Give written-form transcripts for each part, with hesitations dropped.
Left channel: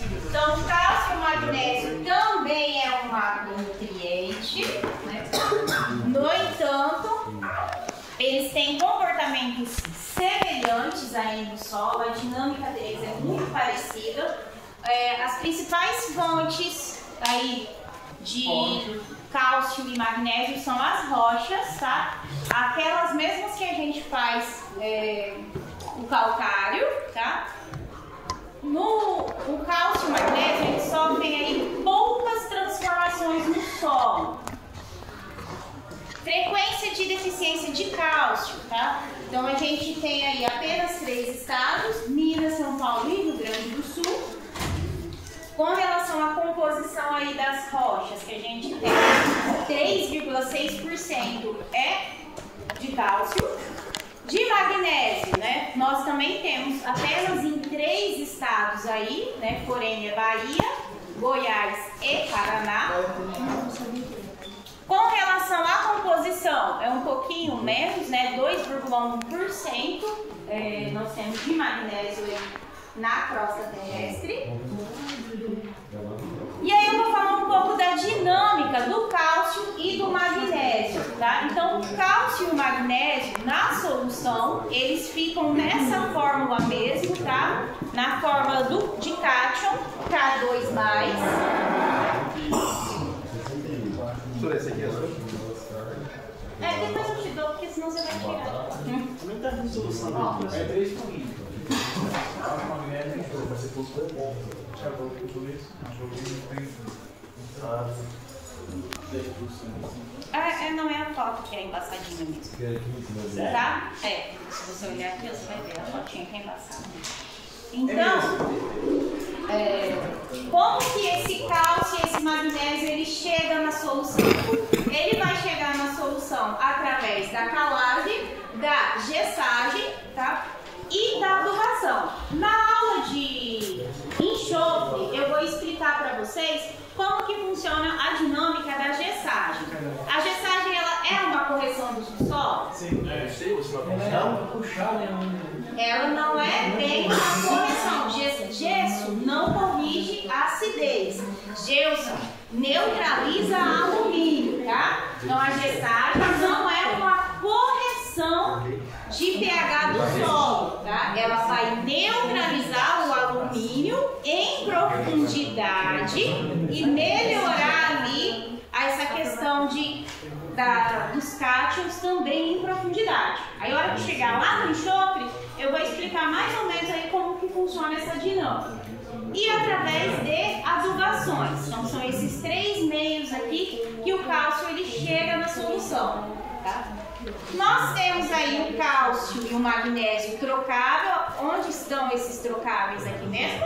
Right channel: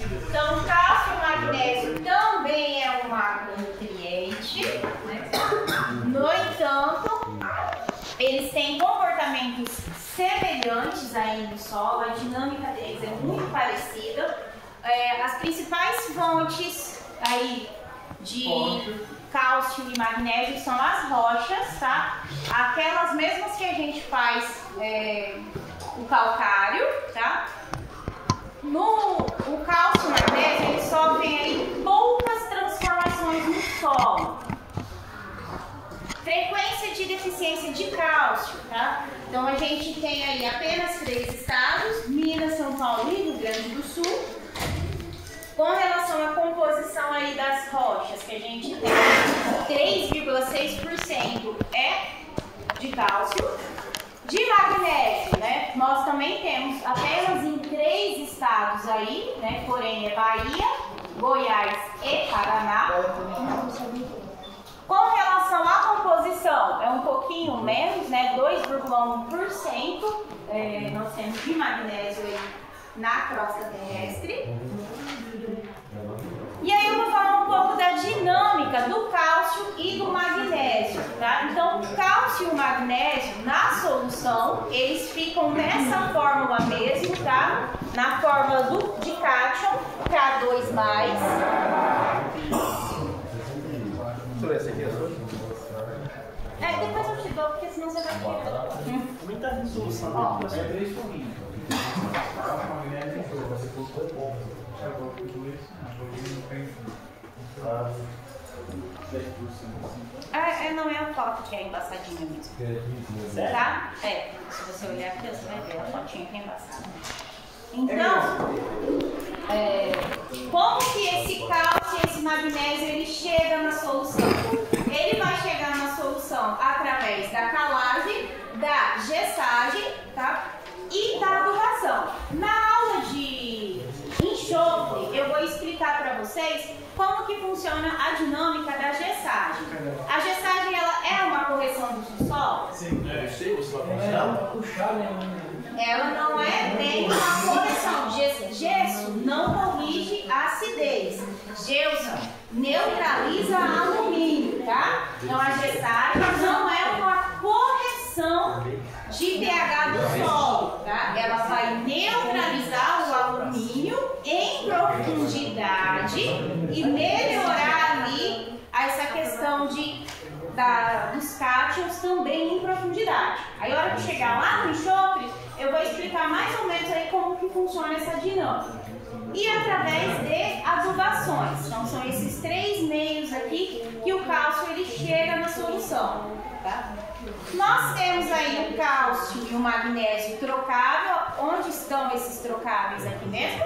Então, cálcio e magnésio também é um macronutriente, né? No entanto, eles têm comportamentos semelhantes aí no solo, a dinâmica deles é muito parecida. As principais fontes aí de cálcio e magnésio são as rochas, tá? Aquelas mesmas que a gente faz o calcário, tá? O cálcio e o magnésio, eles sofrem aí poucas transformações no solo. Frequência de deficiência de cálcio, tá? Então a gente tem aí apenas 3 estados, Minas, São Paulo e Rio Grande do Sul. Com relação à composição aí das rochas, que a gente tem 3,6% é de cálcio. De magnésio, né? Nós também temos apenas em 3 estados aí, né? Porém é Bahia, Goiás e Paraná. Com relação à composição, é um pouquinho menos, né? 2,1%. Nós temos de magnésio aí na crosta terrestre. E aí eu vou falar um pouco da dinâmica do cálcio e do magnésio, tá? Então, o cálcio e o magnésio na solução, eles ficam nessa fórmula mesmo, tá? Na fórmula de cátion, K2+. Depois eu te dou, porque senão você vai tirar. Também tá em solução. É 3 por 1. Não é a foto que é embaçadinha mesmo. Tá? Se você olhar aqui, você vai ver a fotinha que é embaçada. Então, como que esse cálcio e esse magnésio ele chega na solução? Ele vai chegar na solução através da calagem, da gessagem, tá? E da adubação. Na aula de enxofre, eu vou explicar para vocês como que funciona a dinâmica da gessagem. A gessagem, ela é uma correção do subsolo? Sim, eu sei, você vai puxar. Ela não é bem uma correção. Gesso não corrige a acidez. Gesso neutraliza alumínio, tá? Então a gessagem não é uma correção de pH do solo, tá? Ela vai neutralizar o alumínio em profundidade e melhorar ali essa questão dos cátions também em profundidade. Aí, a hora que chegar lá no enxofre, eu vou explicar mais ou menos aí como que funciona essa dinâmica. E através de adubações. Então, são esses 3 meios aqui que o cálcio ele chega na solução, tá? Nós temos aí o cálcio e o magnésio trocável. Onde estão esses trocáveis aqui mesmo?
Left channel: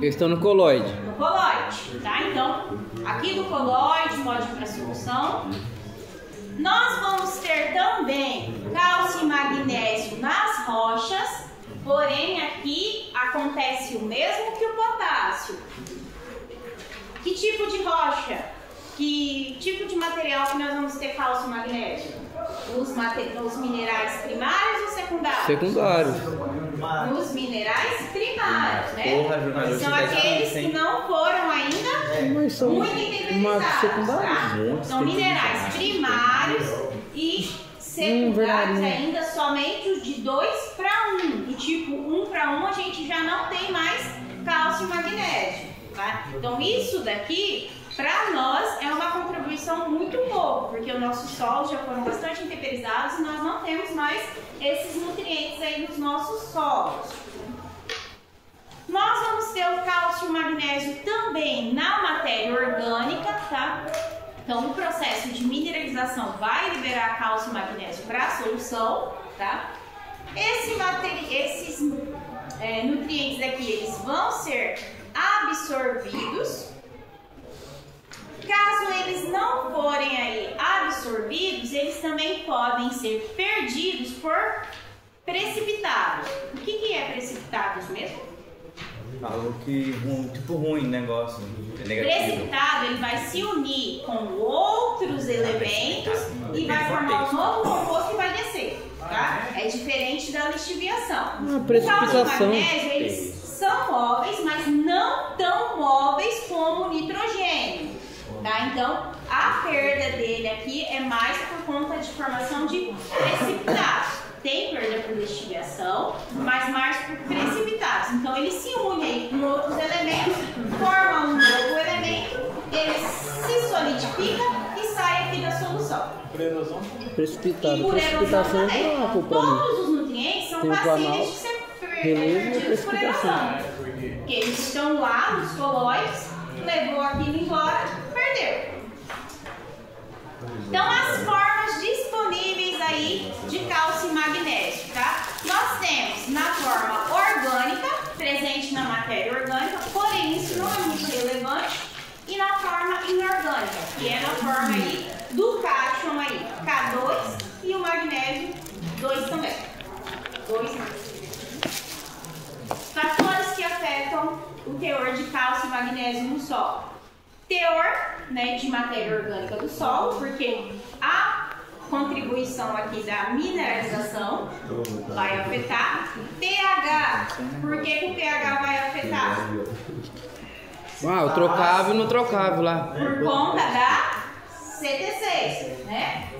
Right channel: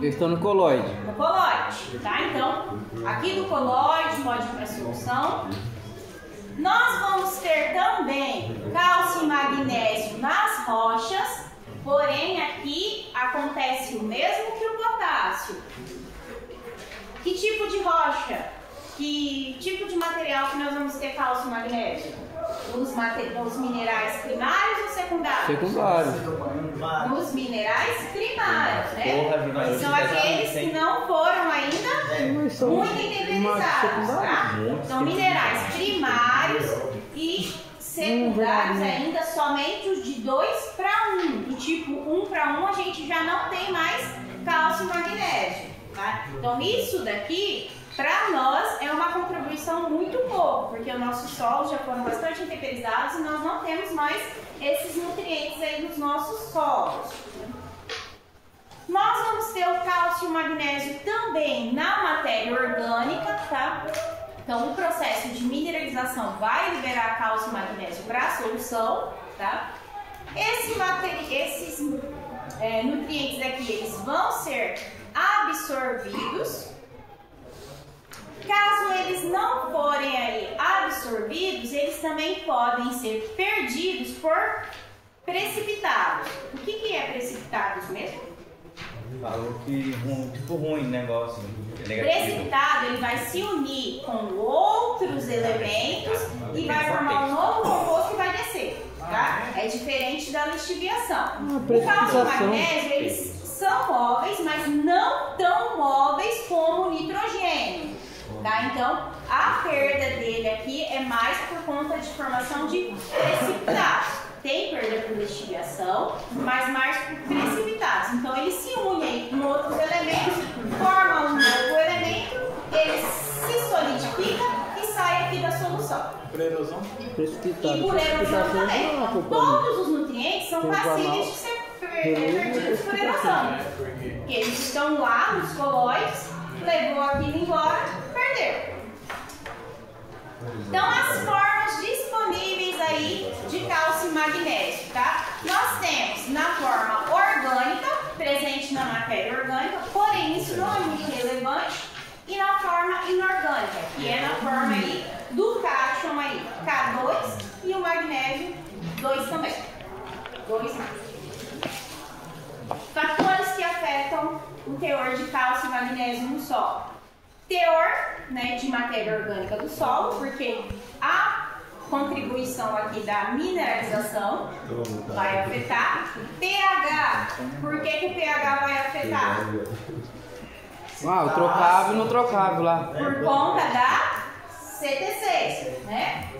Eles estão no coloide. No coloide, tá? Então, aqui no coloide pode ir para a solução. Nós vamos ter também cálcio e magnésio nas rochas, porém aqui acontece o mesmo que o potássio. Que tipo de rocha? Que tipo de material que nós vamos ter cálcio e magnésio? Os minerais primários ou secundários? Secundários. Nos minerais primários, né? São aqueles que não foram ainda muito interiorizados, tá? São minerais primários e secundários ainda somente os de 2 para 1. Do tipo 1 para 1 a gente já não tem mais cálcio e magnésio, tá? Então isso daqui, para nós, é uma contribuição muito boa, porque os nossos solos já foram bastante interiorizados e nós não temos mais esses nutrientes aí nos nossos solos. Nós vamos ter o cálcio e o magnésio também na matéria orgânica, tá? Então, o processo de mineralização vai liberar cálcio e magnésio para a solução, tá? Esses nutrientes aqui, eles vão ser absorvidos. Caso eles não forem aí absorvidos, eles também podem ser perdidos por precipitados. O que é precipitados mesmo? Algo que tipo ruim, negócio negativo. Precipitado, ele vai se unir com outros elementos e vai formar um novo composto e vai descer. tá? É diferente da lixiviação. O precipitação. cálcio e o magnésio, eles são móveis, mas não tão móveis como o nitrogênio, tá? Então, a perda dele aqui é mais por conta de formação de precipitados. Tem perda por lixiviação, mas mais por precipitados. Então, eles se unem com outros elementos, formam um novo elemento, ele se solidifica e sai aqui da solução. Precipitado. E por erosão Precipitação também. não é culpa Todos os nutrientes são Tem o passíveis de ser perdidos por erosão. Porque eles estão lá nos colóides, levou aquilo embora, perdeu. Então, as formas disponíveis aí de cálcio e magnésio, tá? Nós temos na forma orgânica, presente na matéria orgânica, porém isso não é muito relevante, e na forma inorgânica, que é na forma aí do cálcio aí, K2, e o magnésio 2 também. 2 mais. Fatores que afetam o teor de cálcio e magnésio no solo. Teor, né, de matéria orgânica do solo, porque a contribuição aqui da mineralização vai afetar. pH, por que o pH vai afetar? o trocável e não trocável lá. Por conta da CTC, né?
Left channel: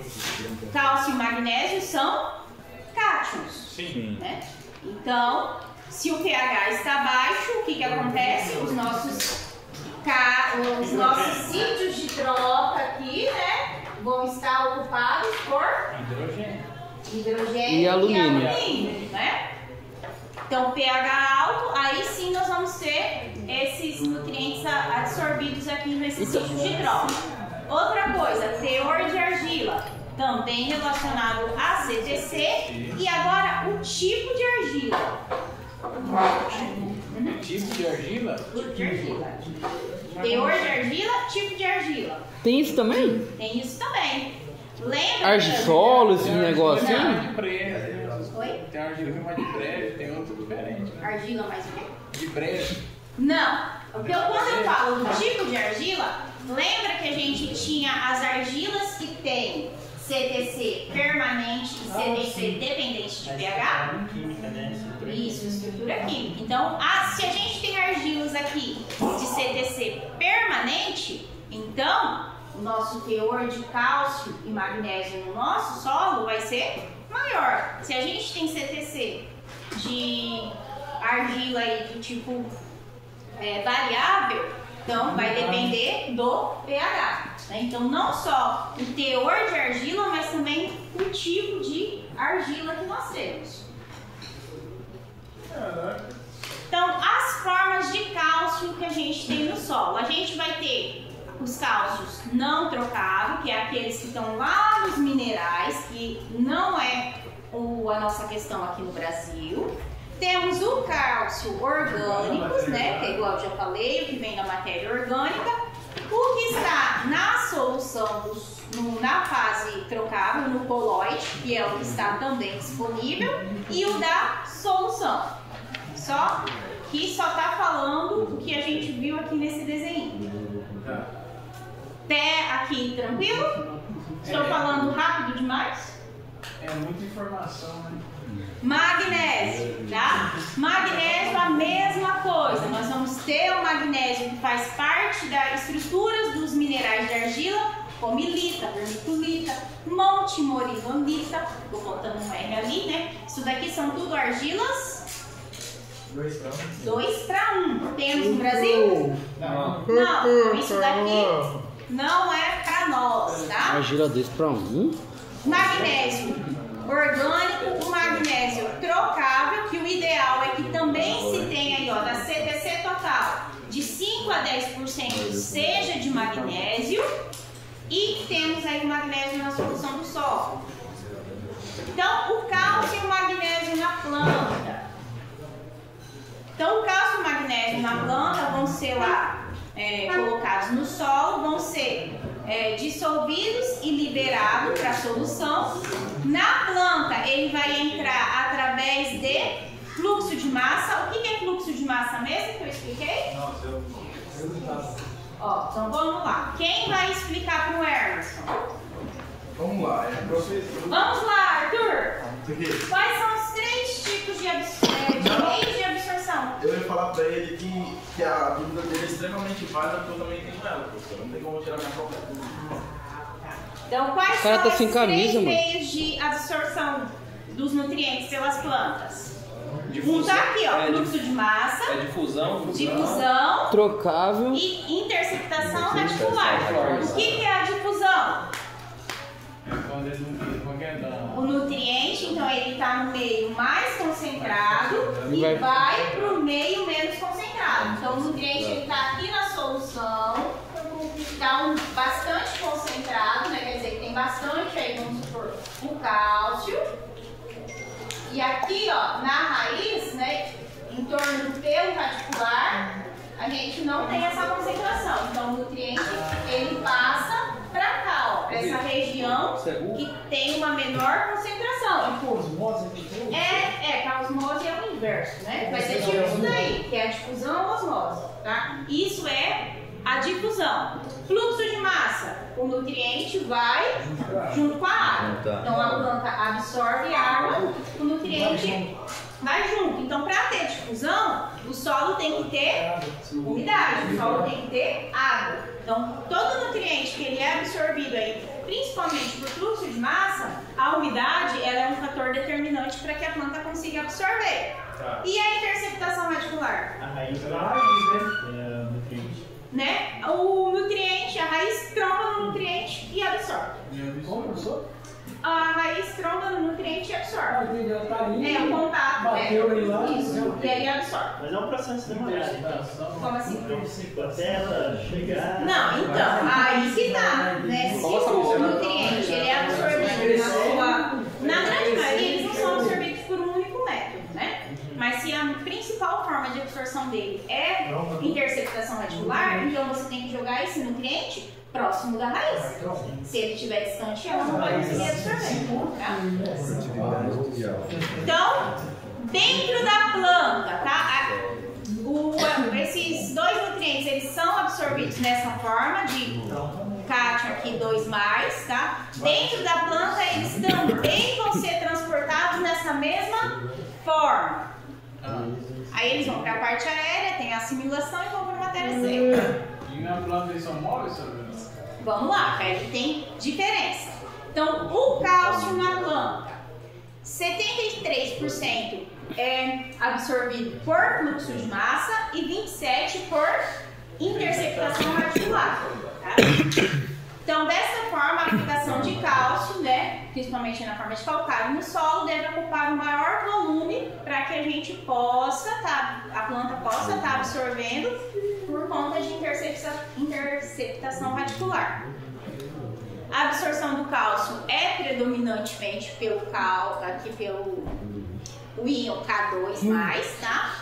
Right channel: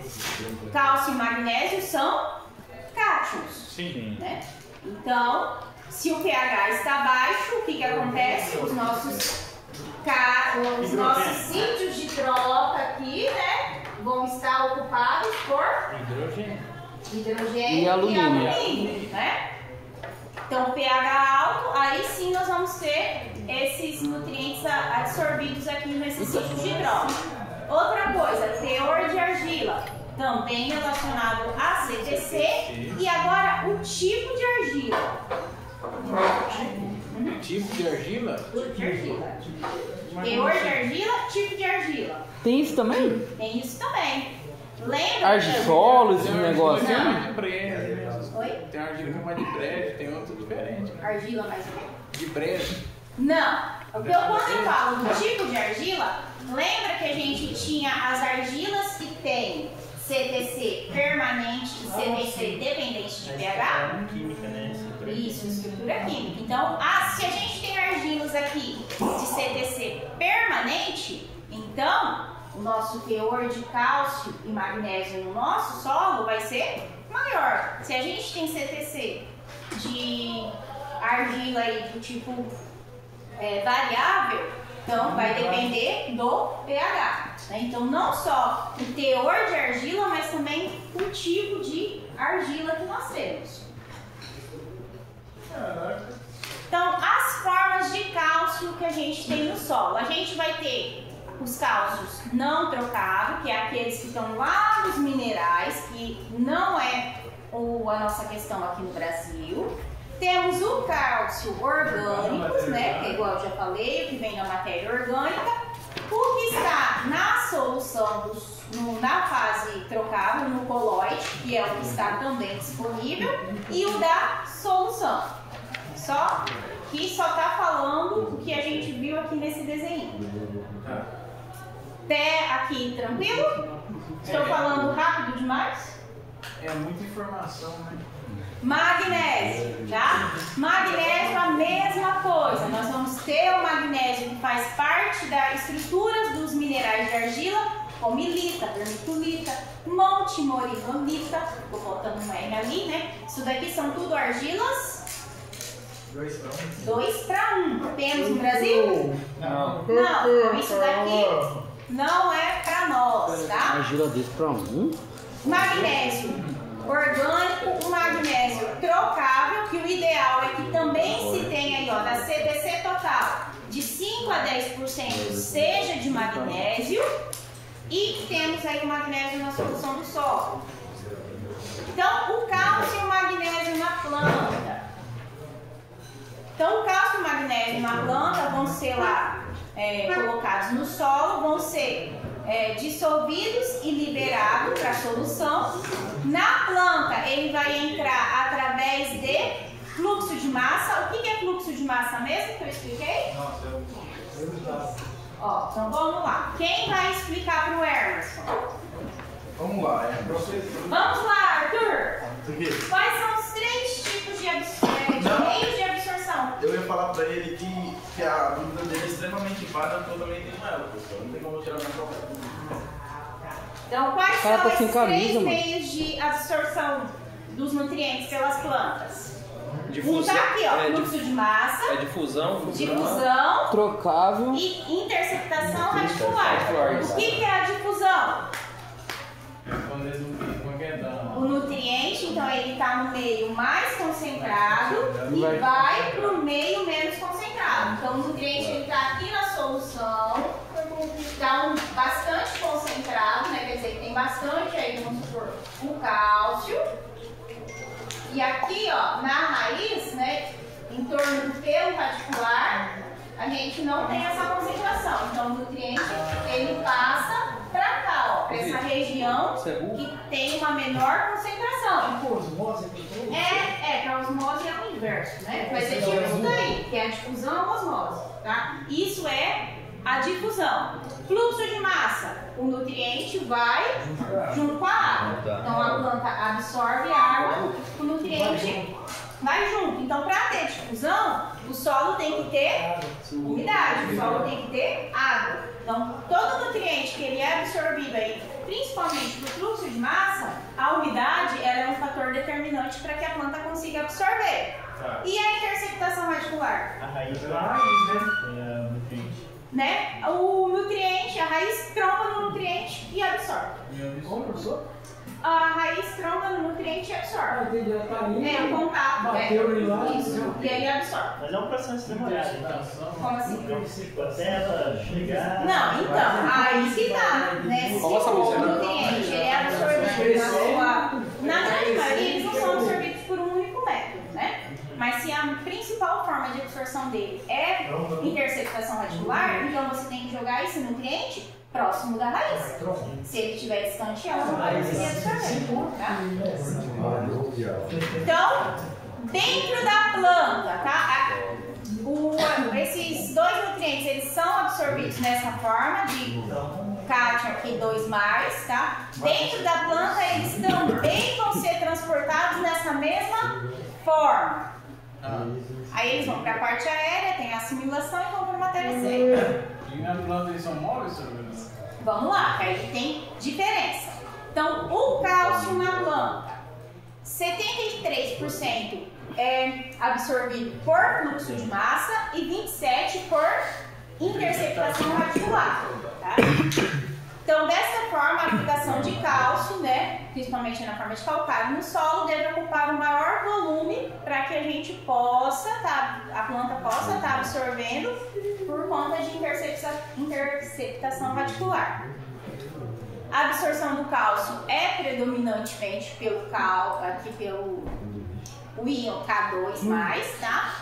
Cálcio e magnésio são cátions. Sim. Né? Então, se o pH está baixo, o que acontece? Os nossos sítios de troca aqui, né, vão estar ocupados por hidrogênio E alumínio. né? Então, pH alto, aí sim nós vamos ter esses nutrientes absorvidos aqui nesses sítios de troca. Outra coisa, teor de argila, também relacionado a CTC. E agora, o tipo de argila. Tipo de argila? Tipo de argila. Teor de argila, tipo de argila. Tem isso também? Tem isso também. Lembra? Argisolo, esse Tem negócio argila assim? que é mais de brejo. Oi? Tem argila que é mais de brejo, tem outro diferente. Argila mais o quê? De brejo. Não. Quando eu falo do tipo de argila, lembra que a gente tinha as argilas que tem CTC permanente e CTC dependente de pH? Isso, estrutura química. Então, se a gente tem argilas aqui de CTC permanente, então o nosso teor de cálcio e magnésio no nosso solo vai ser maior. Se a gente tem CTC de argila aí do tipo variável, então vai depender do pH. Né? Então, não só o teor de argila, mas também o tipo de argila que nós temos. Então, as formas de cálcio que a gente tem no solo. A gente vai ter os cálcios não trocáveis, que é aqueles que estão lá nos minerais, que não é a nossa questão aqui no Brasil. Temos o cálcio orgânico, né, que é igual eu já falei, o que vem da matéria orgânica. O que está na solução, na fase trocável, no colóide, que é o que está também disponível, e o da solução. Só está falando o que a gente viu aqui nesse desenho. Até aqui, tranquilo? Estou falando rápido demais? É muita informação, né? Magnésio, tá? Magnésio, a mesma coisa. Nós vamos ter o magnésio que faz parte das estruturas dos minerais de argila, como ilita, vermiculita, montimorillonita. Estou botando um R ali, né? Isso daqui são tudo argilas 2 para 1. Temos no Brasil? Não, isso daqui não é para nós, tá? Argila 2 para 1. Magnésio orgânico, o magnésio trocável, que o ideal é que também se tenha aí, ó, da CTC total, de 5 a 10% seja de magnésio, e temos aí o magnésio na solução do solo. Então, o cálcio e o magnésio na planta. Então, o cálcio e o magnésio na planta vão ser lá colocados no solo, vão ser dissolvidos e liberados para a solução. Na planta, ele vai entrar através de fluxo de massa. O que é fluxo de massa mesmo que eu expliquei? Ó, então vamos lá. Quem vai explicar para o Emerson? Vamos lá, Vamos lá, Arthur. Quais são os 3 tipos de meios de absorção? Eu ia falar pra ele que a dúvida dele é extremamente válida, porque eu também tenho ela, professor. Não tem como eu tirar minha própria dúvida. Então, quais cara são tá esses sem camisa, 3 mano. meios de absorção dos nutrientes pelas plantas? Difusão. Um tá aqui, ó, É, fluxo de massa, É difusão. difusão Trocável. e interceptação radicular. O que é a difusão? O nutriente, então, ele está no meio mais concentrado e vai para o meio menos concentrado. Então, o nutriente está aqui na solução, está bastante concentrado, né? Quer dizer, tem bastante aí, vamos supor, o cálcio. E aqui, ó, na raiz, né, em torno do pelo radicular, a gente não tem essa concentração. Então, o nutriente, ele passa para cá, ó, para essa região que tem uma menor concentração. Para osmose é o inverso, né? Mas é tipo isso daí, que é a difusão ou osmose, tá? Isso é a difusão. Fluxo de massa, o nutriente vai junto com a água. Então a planta absorve a água, o nutriente vai junto. Então, para ter difusão, o solo tem que ter umidade, o solo tem que ter água. Então, todo nutriente que ele é absorvido aí, principalmente por fluxo de massa, a umidade ela é um fator determinante para que a planta consiga absorver. E a interceptação radicular? A raiz pela raiz, né? O nutriente, a raiz tromba no nutriente e absorve. A raiz tromba no nutriente e absorve. É o contato, né? Isso. E aí absorve. Mas é um processo demorado, então. Como assim? Até ela chegar. Não, então, aí que tá, né? Se o nutriente ele é absorvido na sua. Na grande maioria, eles não são absorvidos por um único método, né? Mas se a principal forma de absorção dele é interceptação radicular, então você tem que jogar esse nutriente próximo da raiz. Se ele estiver distante, ela não vai conseguir absorver. Tá? Então, dentro da planta, tá? Esses 2 nutrientes eles são absorvidos nessa forma de cátion aqui 2+, tá? Dentro da planta eles também vão ser transportados nessa mesma forma. Aí eles vão para a parte aérea, tem a assimilação e vão para a matéria seca. E na planta eles são móveis, senhor? Vamos lá, aí tem diferença. Então, o cálcio na planta, 73% é absorvido por fluxo de massa e 27% por interceptação radicular. Tá? Então, dessa forma, a aplicação de cálcio, né, principalmente na forma de calcário no solo, deve ocupar o maior volume para que a gente possa, a planta possa estar absorvendo por conta de interceptação radicular. A absorção do cálcio é predominantemente pelo íon K2+, tá?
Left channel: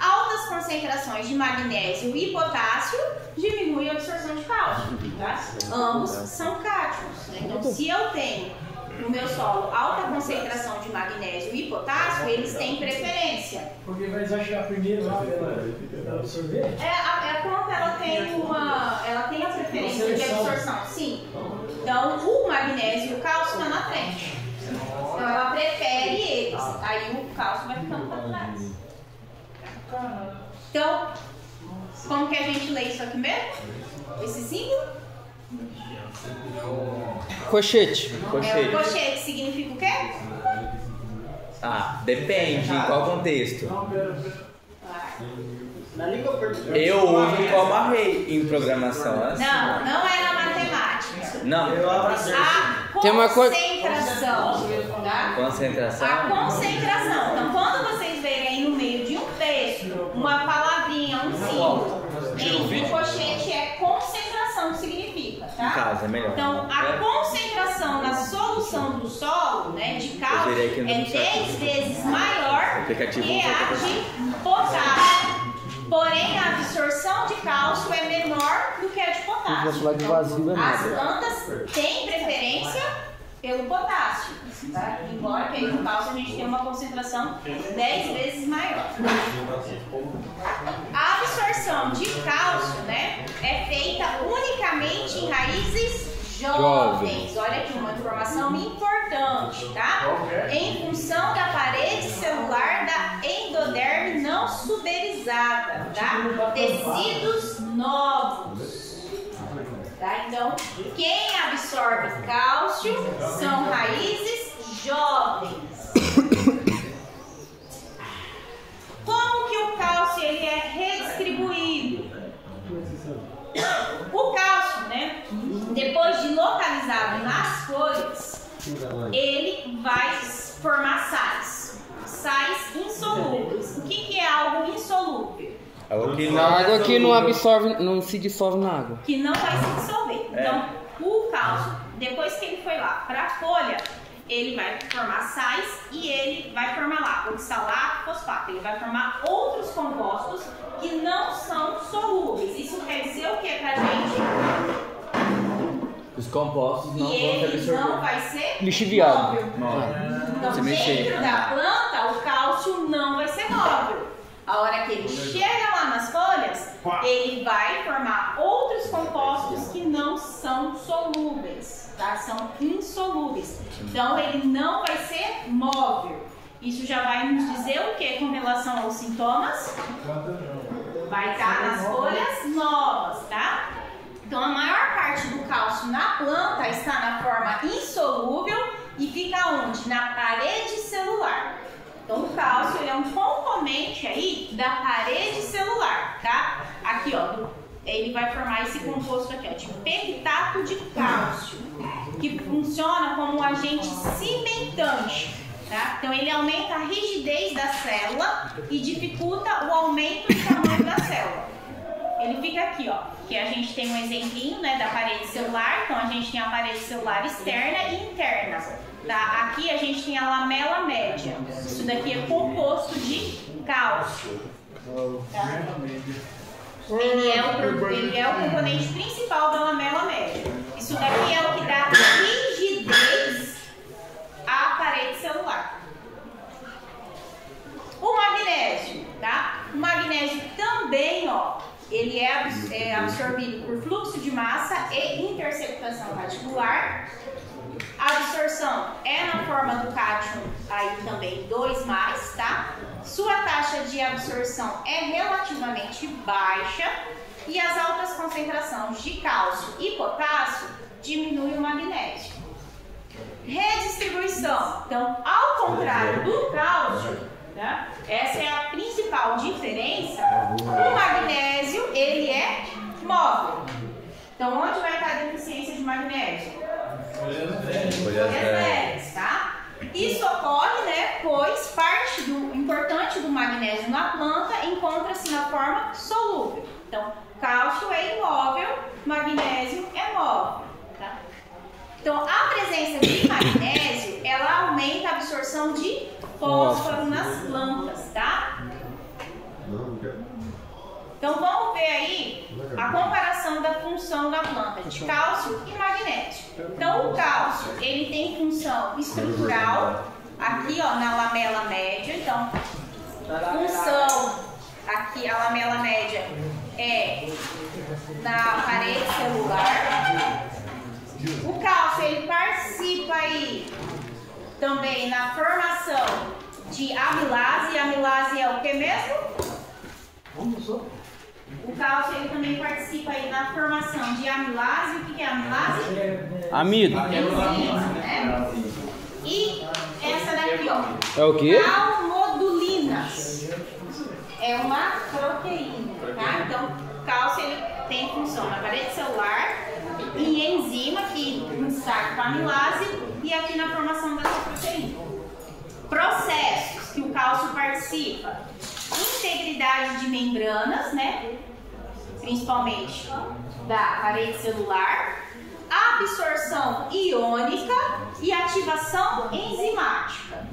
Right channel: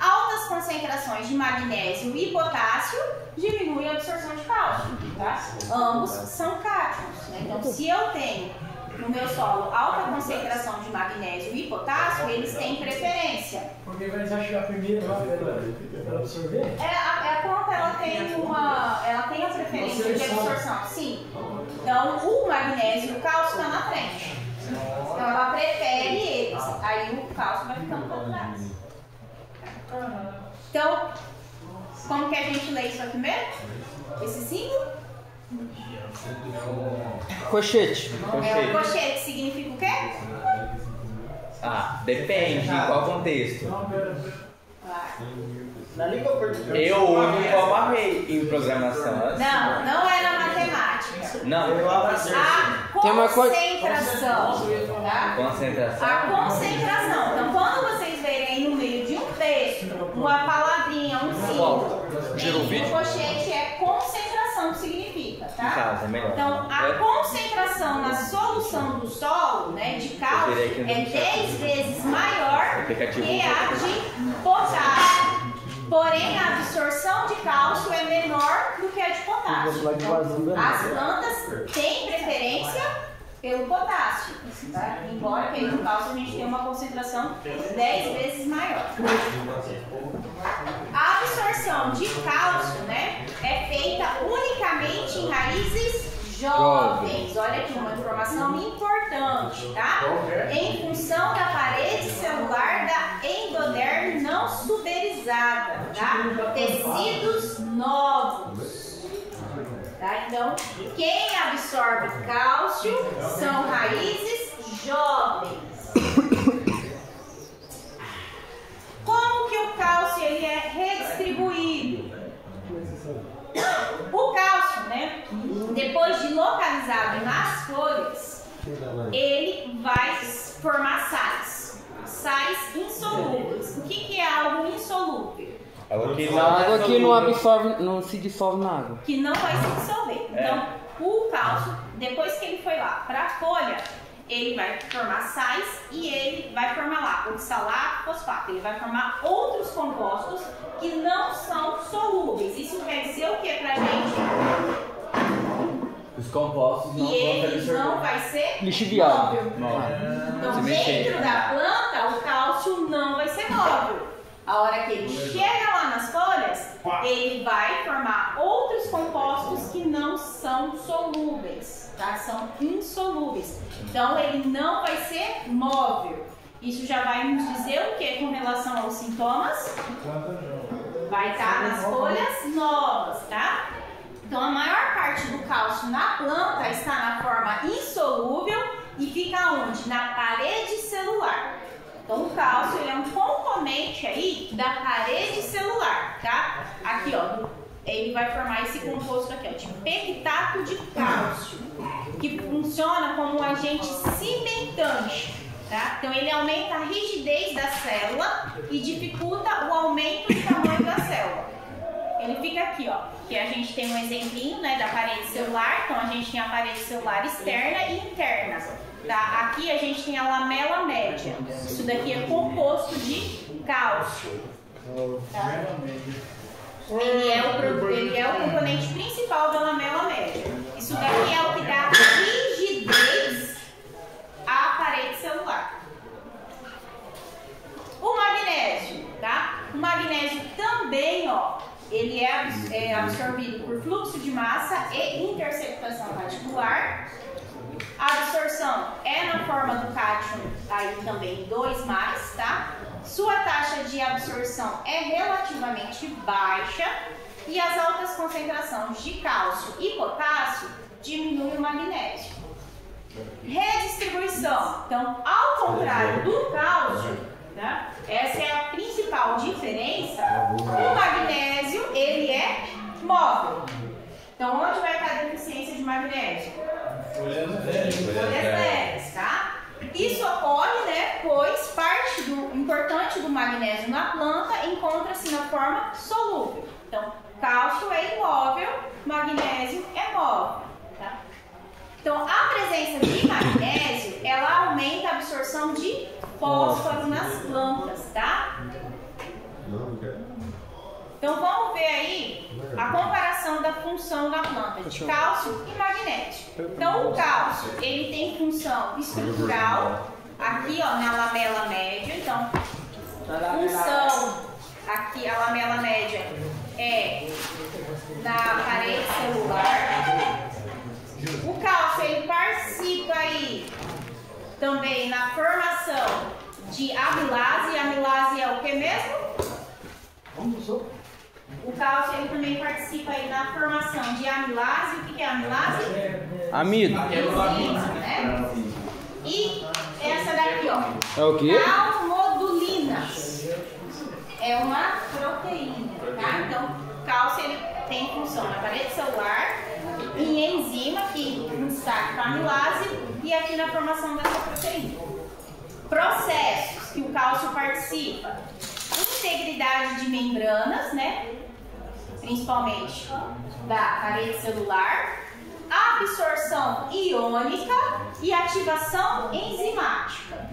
Altas concentrações de magnésio e potássio diminuem a absorção de cálcio, tá? Ambos são cátions, né? Então, se eu tenho no meu solo alta concentração de magnésio e potássio, eles têm preferência. Porque eles vão chegar primeiro lá para absorver? A planta ela tem a preferência de absorção, sim. Então, o magnésio e o cálcio estão na frente. Então, ela prefere eles. Aí o cálcio vai ficando para trás. Então, como que a gente lê isso aqui mesmo? Esse símbolo? Cochete. Cochete. Cochete significa o quê? Ah, depende. Em qual contexto? Na língua portuguesa. Eu uso e amarrei em programação. Não é na matemática. Não. A Tem uma concentração, tá? Concentração. A concentração. Então, quando vocês verem no meio de um texto, uma palavrinha, um símbolo, o cochete é concentração que significa, Em tá? casa, é melhor. Então, a concentração na solução do solo, né, de cálcio, virei aqui no é 10 vezes maior aplicativo que a de potássio. Porém, a absorção de cálcio é menor do que a de potássio. Então, as plantas têm preferência pelo potássio, tá? Embora que aí no cálcio a gente tenha uma concentração 10 vezes maior. A absorção de cálcio, né, é feita unicamente em raízes jovens. Olha aqui uma informação importante, tá? Em função da parede celular da endoderme não suberizada, tá? Tecidos novos. Tá? Então, quem absorve cálcio são raízes jovens. Como que o cálcio ele é redistribuído? O cálcio, né, depois de localizado nas folhas, ele vai formar sais insolúveis. O que é algo insolúvel? Água que não absorve, não se dissolve na água. Que não vai se dissolver. Então, o cálcio, depois que ele foi lá para a folha, ele vai formar sais e ele vai formar lá oxalato, fosfato. Ele vai formar outros compostos que não são solúveis. Isso quer dizer o que pra gente? Os compostos não E vão ser ele absorvidos. não vai ser Lixiviado. móvel. Então, Se mexer. dentro da planta, o cálcio não vai ser móvel. A hora que ele chega lá nas folhas, ele vai formar outros compostos que não são solúveis, tá? São insolúveis. Então, ele não vai ser móvel. Isso já vai nos dizer o que com relação aos sintomas? Vai estar nas folhas novas, tá? Então, a maior parte do cálcio na planta está na forma insolúvel e fica onde? Na parede celular. Então, o cálcio ele é um componente aí da parede celular, tá? Aqui, ó, ele vai formar esse composto aqui, ó, de pectato de cálcio, que funciona como um agente cimentante, tá? Então, ele aumenta a rigidez da célula e dificulta o aumento do tamanho da célula. Ele fica aqui, ó, que a gente tem um exemplinho, né, da parede celular. Então, a gente tem a parede celular externa e interna. Tá? Aqui a gente tem a lamela média. Isso daqui é composto de cálcio. Tá? Ele é o componente principal da lamela média. Isso daqui é o que dá rigidez à parede celular. O magnésio, tá? O magnésio também, ó, ele é absorvido por fluxo de massa e interceptação radicular. A absorção é na forma do cátio, aí também 2+, tá? Sua taxa de absorção é relativamente baixa e as altas concentrações de cálcio e potássio diminuem o magnésio. Redistribuição. Então, ao contrário do cálcio, tá? Essa é a principal diferença. O magnésio, ele é móvel. Então, onde vai estar a deficiência de magnésio? Folhas verdes, tá? Isso ocorre, né, pois parte do importante do magnésio na planta encontra-se na forma solúvel. Então, cálcio é imóvel, magnésio é móvel, tá? Então, a presença de magnésio, ela aumenta a absorção de fósforo nas plantas, tá? Então, vamos ver aí a comparação da função da planta de cálcio e magnésio. Então, o cálcio, ele tem função estrutural, aqui, ó, na lamela média. Então, função, aqui, a lamela média é na parede celular. O cálcio, ele participa aí também na formação de amilase. A amilase é o que mesmo? O cálcio ele também participa aí na formação de amilase. O que é amilase? Amido. Enzima, né? E essa daqui, ó. É o quê? Calmodulina. É uma proteína, tá? Então, o cálcio ele tem função na parede celular, em enzima, que destaca com a amilase, e aqui na formação dessa proteína. Processos que o cálcio participa: integridade de membranas, né? Principalmente da parede celular, absorção iônica e ativação enzimática,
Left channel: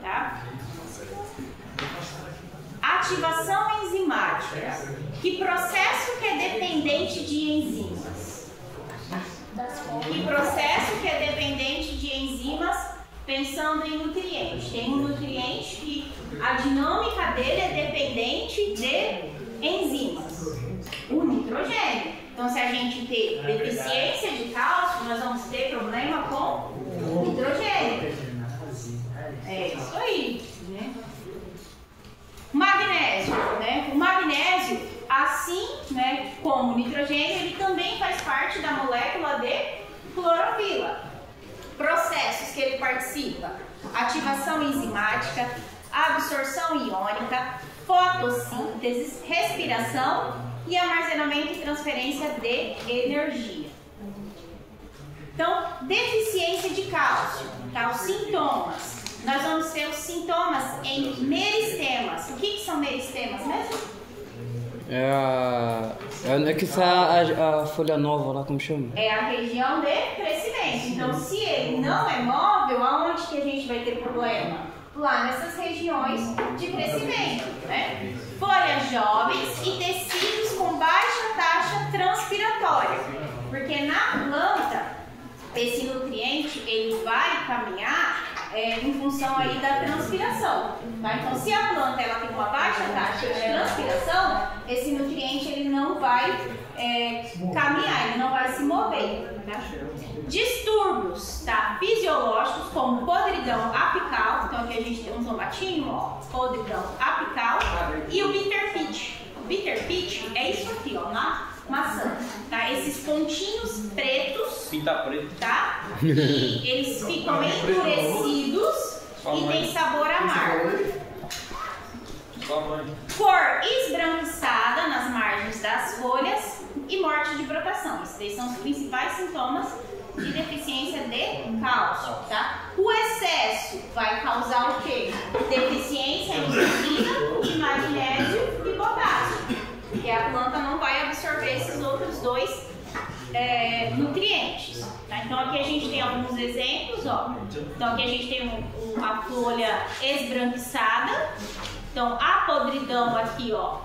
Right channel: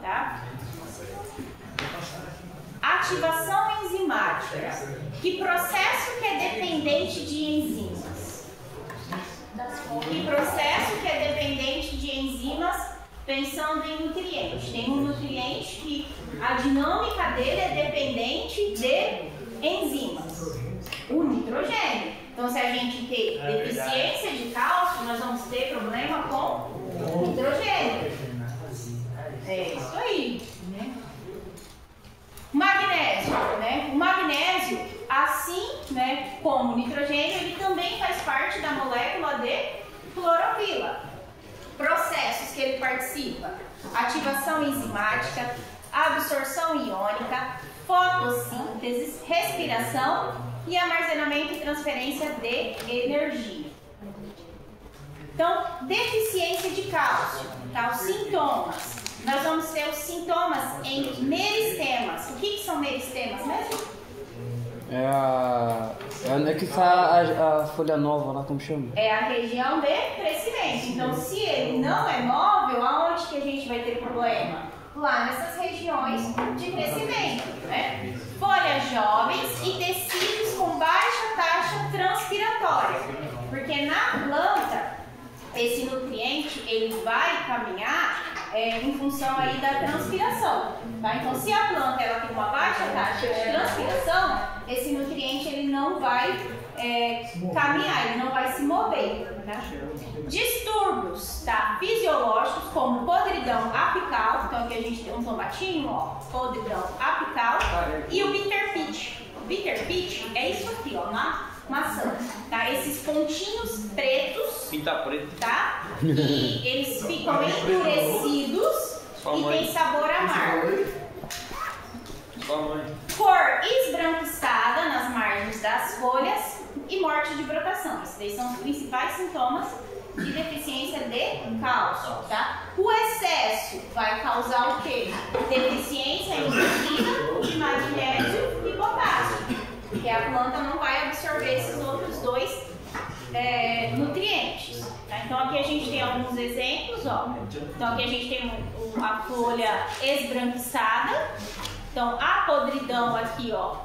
tá? Ativação enzimática. Que processo que é dependente de enzimas? Que processo que é dependente de enzimas? Pensando em nutrientes. Tem um nutriente que a dinâmica dele é dependente de enzimas. O nitrogênio. Então, se a gente ter deficiência de cálcio, nós vamos ter problema com nitrogênio. É isso aí, né? Magnésio, né? O magnésio, assim, né, como o nitrogênio, ele também faz parte da molécula de clorofila. Processos que ele participa: ativação enzimática, absorção iônica, fotossíntese, respiração e armazenamento e transferência de energia. Então, deficiência de cálcio, tá? Os sintomas. Nós vamos ter os sintomas em meristemas. O que são meristemas mesmo? É que a folha nova lá, como chama? É a região de crescimento. Então, se ele não é móvel, aonde que a gente vai ter problema? Lá nessas regiões de crescimento, né? Folhas jovens e tecidos com baixa taxa transpiratória. Porque na planta, esse nutriente, ele vai caminhar em função aí da transpiração, tá? Então, se a planta ela tem uma baixa taxa de transpiração, esse nutriente ele não vai caminhar, ele não vai se mover, tá? Distúrbios, tá? Fisiológicos, como podridão apical. Então, aqui a gente tem um tomatinho, ó, podridão apical, e o bitter pitch. O bitter pitch é isso aqui, ó, na maçã, tá? Esses pontinhos pretos, Pinta preto. tá? E eles ficam endurecidos e tem sabor amargo. Cor esbranquiçada nas margens das folhas e morte de brotação. Esses são os principais sintomas de deficiência de cálcio, tá? O excesso vai causar o quê? Deficiência induzida de magnésio e potássio. Porque a planta não vai absorver esses outros dois nutrientes. Tá? Então aqui a gente tem alguns exemplos, ó. Então aqui a gente tem a folha esbranquiçada. Então a podridão aqui, ó,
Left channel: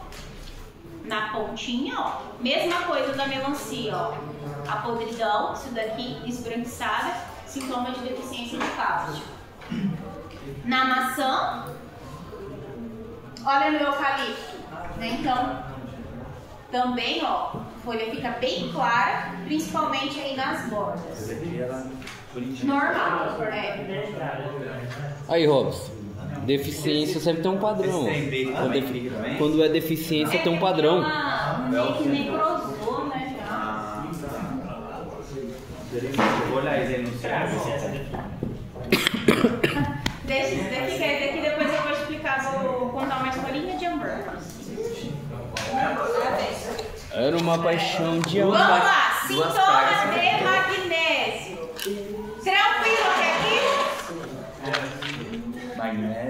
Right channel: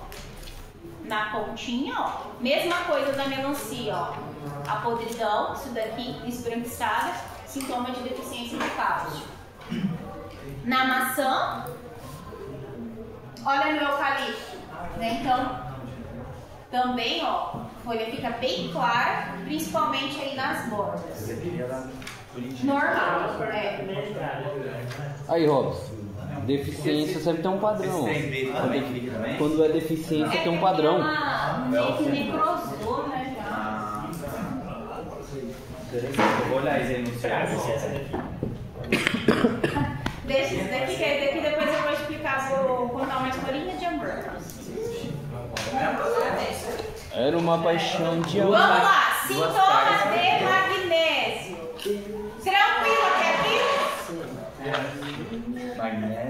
na pontinha, ó. Mesma coisa da melancia, ó. A podridão, isso daqui esbranquiçada, sintoma de deficiência de cálcio. Na maçã, olha no eucalipto, né? Então também, ó, a folha fica bem clara, principalmente aí nas bordas. Normal, Aí, Robson, deficiência sempre tem um padrão. Quando é deficiência tem um padrão. Meio que necrosou, né, já. Vou olhar aí no céu. Deixa isso daqui, que daqui depois eu vou explicar, vou contar uma escolinha de amor. Era uma paixão de amor. Vamos lá, sintomas de magnésio. Tranquilo até aqui?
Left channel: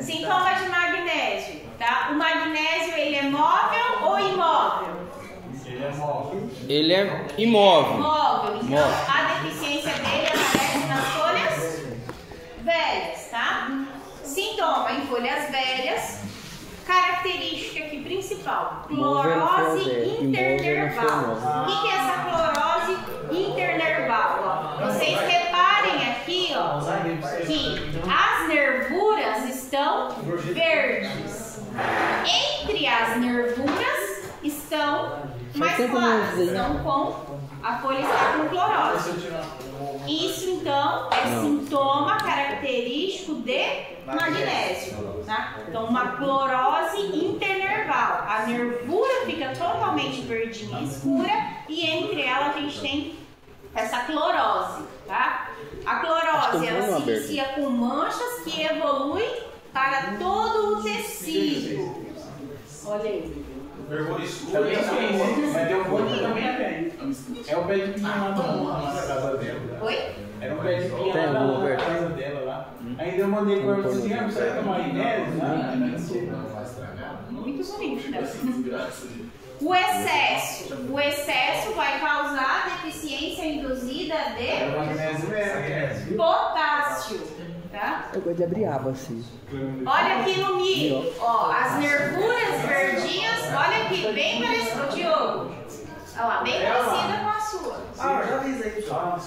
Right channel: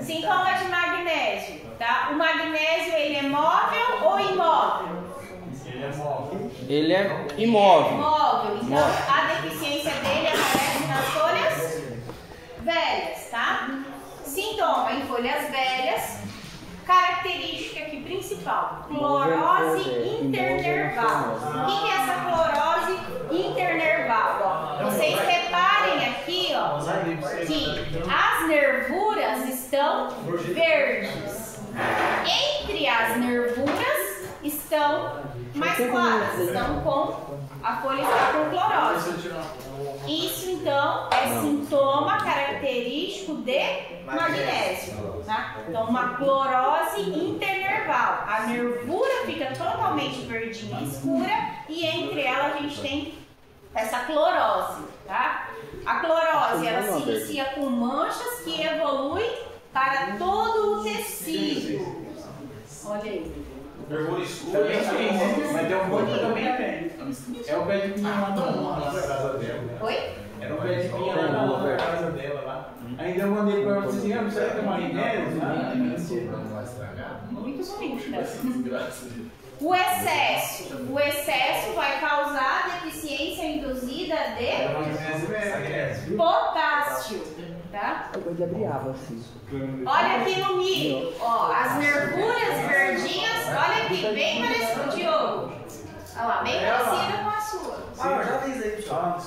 Sintoma de magnésio, tá? O magnésio, ele é móvel ou imóvel? Ele é imóvel. Móvel. Então, a deficiência dele aparece nas folhas velhas, tá? Sintoma em folhas velhas. Característica aqui principal, clorose internerval. O que é essa clorose internerval? Ó, vocês reparem aqui, ó, que as nervuras estão verdes. Entre as nervuras estão mais claras, estão com a folha está com clorose. Isso então é sintoma característico de magnésio, tá? Então uma clorose internerval. A nervura fica totalmente verdinha escura e entre elas a gente tem essa clorose, tá? A clorose ela se inicia com manchas que evoluem para todo o tecido. Olha aí. Nervura escura. Também tem, né? Mas deu muito também tem. É o pé de pinha lá na casa dela. Oi? Era o pé de pinha lá na casa dela lá. Ainda eu mandei pra você assim, não sei o que é magnésio, né? Muito bonito, né? O excesso vai causar deficiência induzida de potássio, tá? Eu gosto de abrir aba assim. Olha aqui no milho, ó, as nervuras verdinhas, olha aqui, bem parecido, Diogo. Olha lá, bem parecida com a sua. Ah, já fiz aí, pessoal.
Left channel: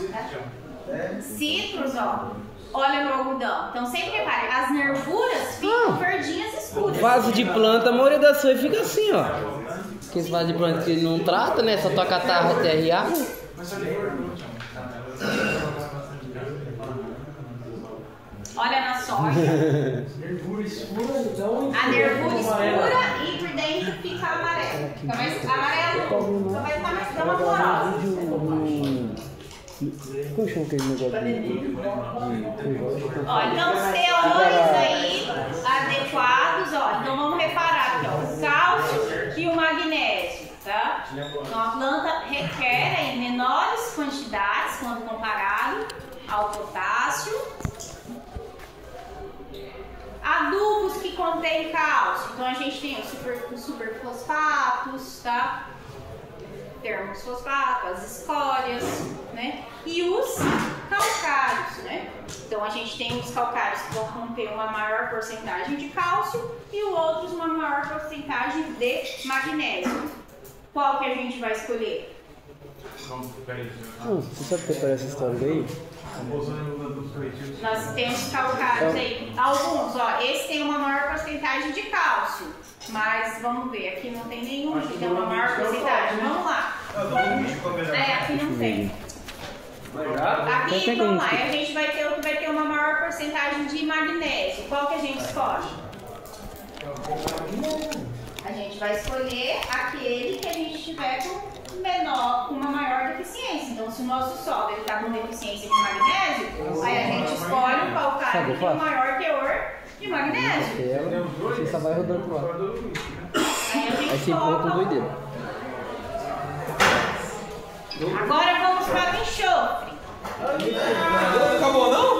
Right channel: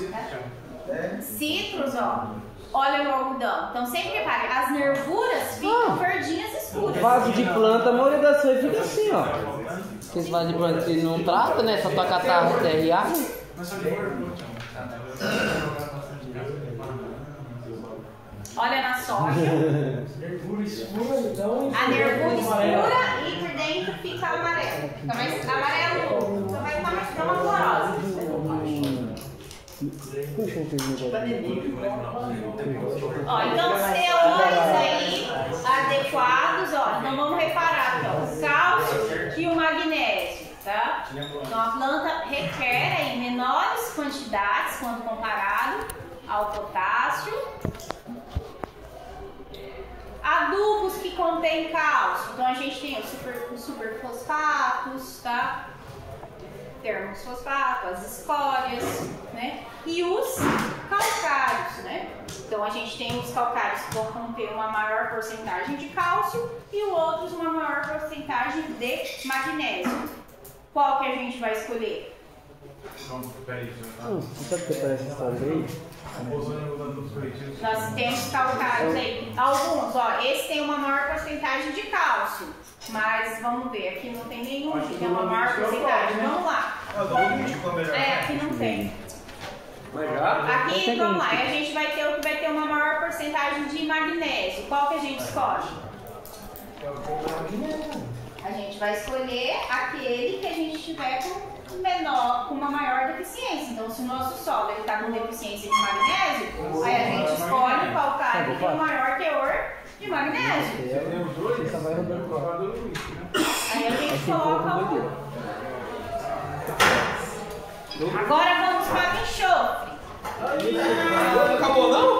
Citros, ó. Olha no algodão. Então sempre repare, as nervuras ficam verdinhas escuras. Vaso de planta, a maioria das folhas fica assim, ó. Aqueles vasos de planta que não trata, né? Só toca a terra e água. Olha na soja. Nervura escura, então. A nervura escura e por dentro fica amarelo. Então vai ficar amarelo. Então vai ficar mais pra uma clorosa. Ó, então os teores aí adequados, ó. Então vamos reparar aqui, ó, o cálcio e o magnésio, tá? Então a planta requer em menores quantidades quando comparado ao potássio. Adubos que contêm cálcio. Então a gente tem os superfosfatos, tá? Termofosfato, as escórias, né? E os calcários, né? Então a gente tem os calcários que vão conter uma maior porcentagem de cálcio e os outros uma maior porcentagem de magnésio. Qual que a gente vai escolher? Você sabe o que parece essa história aí? Nós temos calcários aí. Alguns, ó, esse tem uma maior porcentagem de cálcio. Mas vamos ver, aqui não tem nenhum que tem uma maior porcentagem. Vamos lá. Aqui não tem. Aqui, vamos lá, a gente vai ter o que vai ter uma maior porcentagem de magnésio. Qual que a gente escolhe? A gente vai escolher aquele que a gente tiver com menor, com uma maior deficiência. Então, se o nosso solo está com deficiência de magnésio, aí a gente escolhe o calcário que tem o maior teor de magnésio. Você só vai rodando pro lado. Aí a gente Assim, coloca. doideira. Agora vamos para o enxofre. Não acabou não?